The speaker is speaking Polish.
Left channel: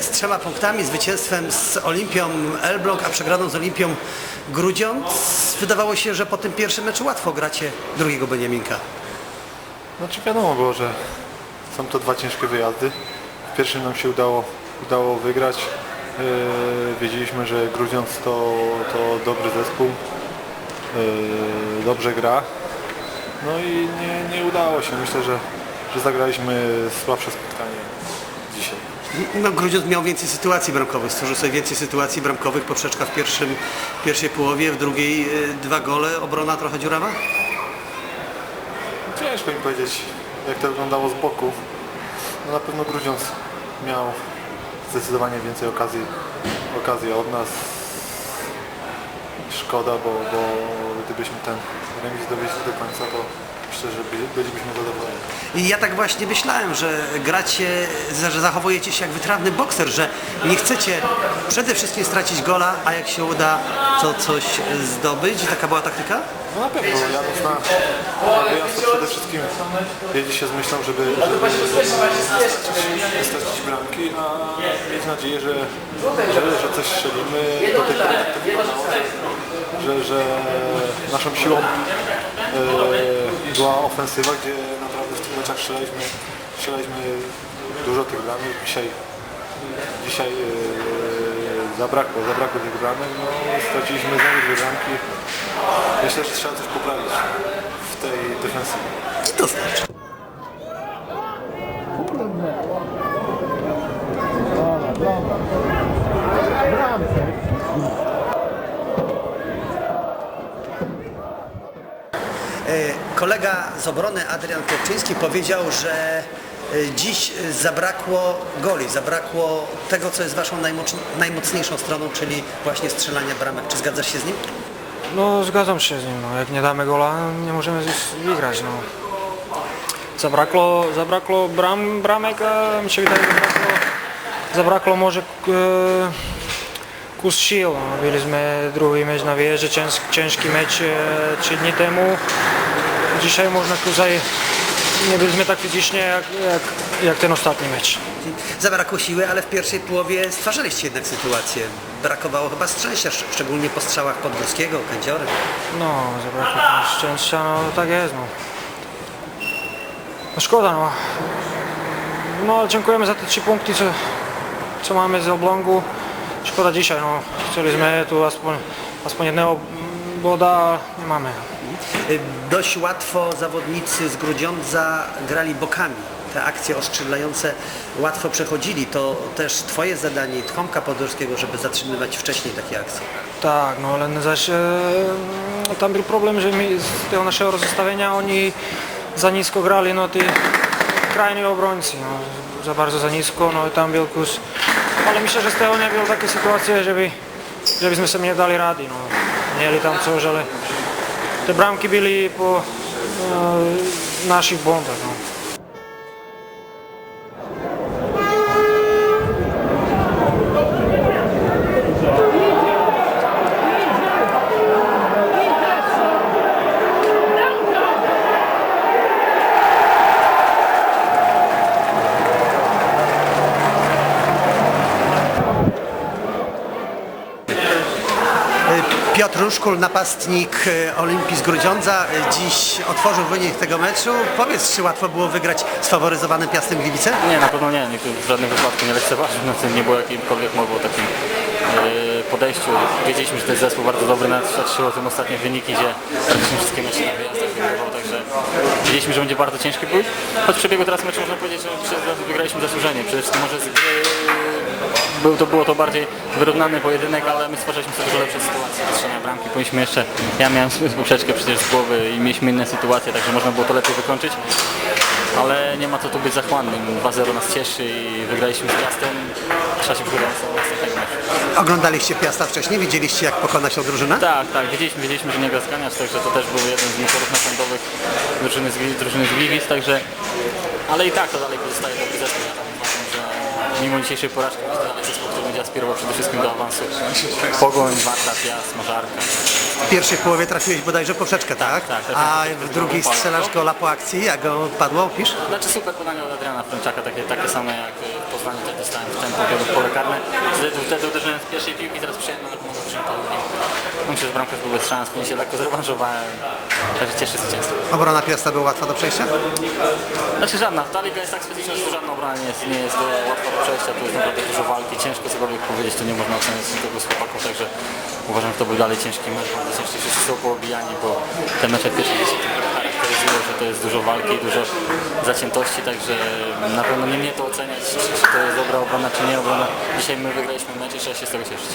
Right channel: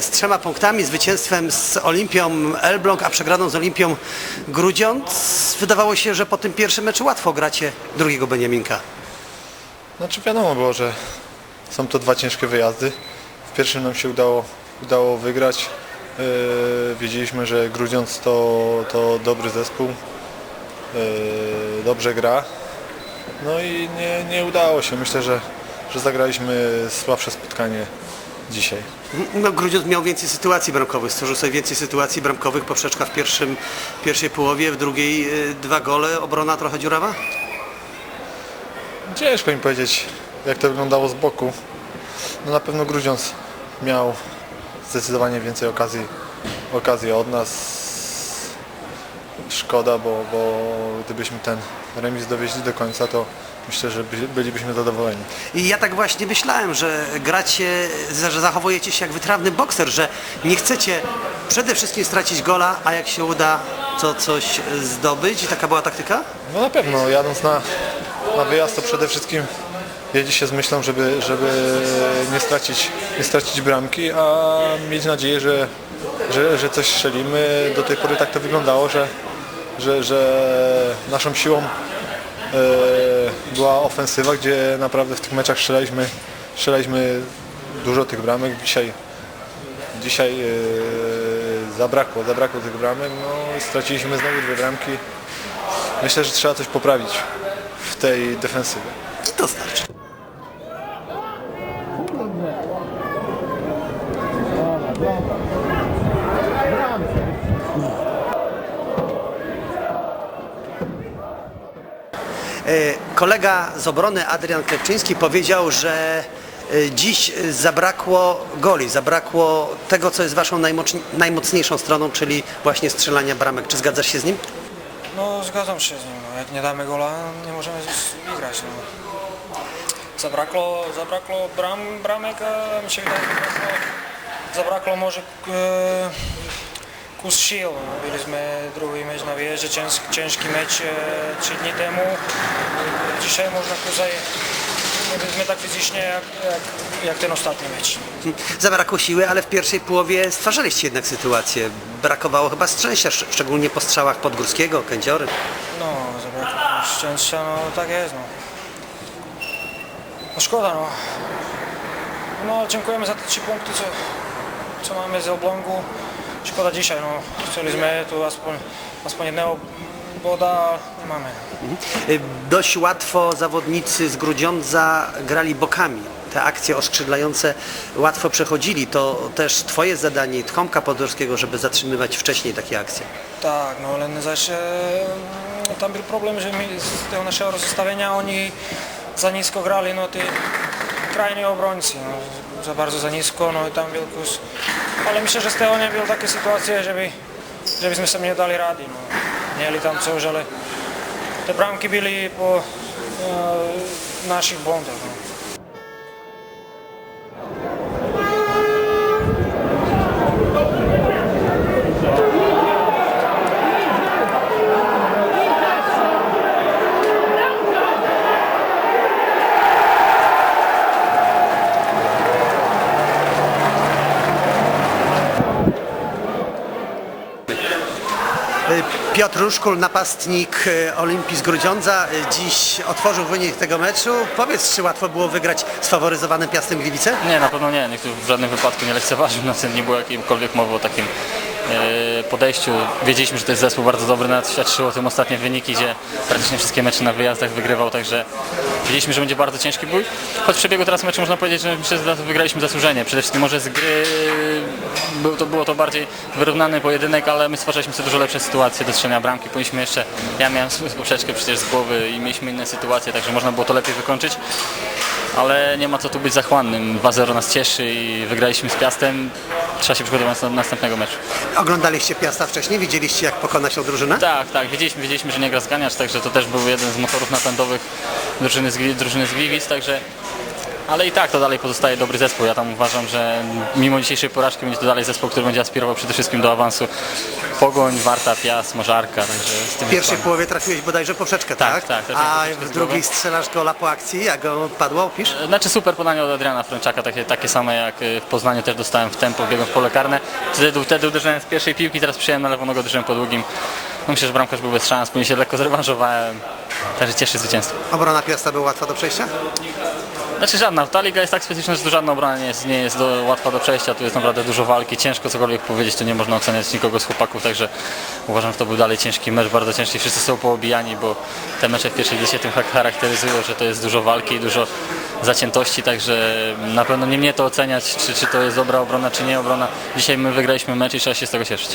z trzema punktami, zwycięstwem z Olimpią Elbląg, a przegraną z Olimpią Grudziądz. Wydawało się, że po tym pierwszym meczu łatwo gracie drugiego Beniaminka. Znaczy wiadomo było, że są to dwa ciężkie wyjazdy. W pierwszym nam się udało, udało wygrać. Yy, wiedzieliśmy, że Grudziądz to, to dobry zespół, yy, dobrze gra. No i nie, nie udało się. Myślę, że, że zagraliśmy słabsze spotkanie dzisiaj. Ciężko mi powiedzieć, jak to wyglądało z boku. No na pewno Grudziądz miał zdecydowanie więcej okazji, okazji od nas. Szkoda, bo, bo gdybyśmy ten remis dowieźli do końca, to myślę, że by- bylibyśmy zadowoleni. I ja tak właśnie myślałem, że gracie, że zachowujecie się jak wprawny bokser, że nie chcecie przede wszystkim stracić gola, a jak się uda, to coś zdobyć. To była taktyka? No na pewno, jadąc na, na wyjazd, to przede wszystkim jedzie się z myślą, żeby, żeby nie, stracić, nie stracić bramki, a mieć nadzieję, że, że, że coś strzelimy. Do tej pory tak to wyglądało, że, że, że naszą siłą była ofensywa, gdzie naprawdę w tych meczach strzelaliśmy, strzelaliśmy dużo tych bramek. Dzisiaj, dzisiaj e, zabrakło, zabrakło tych bramek. No, straciliśmy znowu dwie bramki. Myślę, że trzeba coś poprawić w tej defensywie. E, Kolega z obrony Adrian Kopczyński powiedział, że e, dziś zabrakło goli, zabrakło tego, co jest waszą najmoc- najmocniejszą stroną, czyli właśnie strzelania bramek. Czy zgadzasz się z nim? No zgadzam się z nim, no. jak nie damy gola, nie możemy wygrać. No. Zabrakło, zabrakło bram, bramek, a mi się wydaje, zabrakło, zabrakło może e, kus sił. No. Byliśmy drugi mecz na wyjeździe, cięż, ciężki mecz e, trzy dni temu. Dzisiaj można tutaj, nie byliśmy tak fizycznie jak, jak, jak ten ostatni mecz. Zabrakło siły, ale w pierwszej połowie stworzyliście jednak sytuację. Brakowało chyba szczęścia, szczególnie po strzałach Populskiego, Kędziory. No, zabrakło szczęścia, no tak jest, no. No szkoda, no. No, dziękujemy za te trzy punkty, co, co mamy z oblągu. Szkoda dzisiaj, no. Chcieliśmy tu aspoň, aspoň jednego boda, nie mamy. Dość łatwo zawodnicy z Grudziądza grali bokami. Te akcje ostrzeglające łatwo przechodzili. To też twoje zadanie, Tchonka Podwórskiego, żeby zatrzymywać wcześniej takie akcje. Tak, no ale zaś e, tam był problem, że z tego naszego rozstawienia oni za nisko grali, no ty krajni obrońcy, no, za bardzo za nisko, no i tam był kus. Ale myślę, że z tego nie było takie sytuacje, żeby, żebyśmy sobie nie dali rady, no. Mieli tam coś, ale te bramke bili po uh, naših bondah. No. Na pewno nie. Nikt w żadnym wypadku nie lekceważył. Znaczy nie było jakiejkolwiek mowy o takim e, podejściu. Wiedzieliśmy, że to jest zespół bardzo dobry, nawet świadczyło tym ostatnie wyniki, gdzie praktycznie wszystkie mecze na wyjazdach wygrywał, także wiedzieliśmy, że będzie bardzo ciężki bój. Choć w przebiegu teraz meczu można powiedzieć, że myślę, że wygraliśmy zasłużenie. Przede wszystkim może z gry był to, było to bardziej wyrównany pojedynek, ale my stwarzaliśmy sobie dużo lepsze sytuacje do strzelania bramki. Powinniśmy jeszcze, ja miałem poprzeczkę przecież z głowy i mieliśmy inne sytuacje, także można było to lepiej wykończyć ale nie ma co tu być zachłannym. 2-0 nas cieszy i wygraliśmy z Piastem. Trzeba się przygotować do następnego meczu. Tak, tak, wiedzieliśmy, wiedzieliśmy, że nie gra zganiacz, także to też był jeden z motorów napędowych drużyny z, drużyny z Gliwic, także ale i tak to dalej pozostaje dobry zespół. Ja tam uważam, że mimo dzisiejszej porażki będzie to dalej zespół, który będzie aspirował przede wszystkim do awansu. Pogoń, Warta, Piast, może Arka, także z tym. Tak, tak, trafiłem troszeczkę z głowy. Znaczy super podanie od Adriana Frączaka, takie, takie same jak y, w Poznaniu też dostałem w tempo, biegłem w pole karne. Wtedy, wtedy uderzyłem z pierwszej piłki, teraz przyjąłem na lewą nogę, uderzyłem po długim. No myślę, że bramkarz był bez szans, później się lekko zrewanżowałem. Także cieszy zwycięstwo. Znaczy żadna, ta liga jest tak specyficzna, że to żadna obrona nie jest, nie jest do, łatwa do przejścia, tu jest naprawdę dużo walki, ciężko cokolwiek powiedzieć, tu nie można oceniać nikogo z chłopaków, także uważam, że to był dalej ciężki mecz, bardzo ciężki, wszyscy są poobijani, bo te mecze w pierwszej liście tym char- charakteryzują, że to jest dużo walki, dużo zaciętości, także na pewno nie mnie to oceniać, czy, czy to jest dobra obrona, czy nie obrona. Dzisiaj my wygraliśmy mecz i trzeba się z tego cieszyć.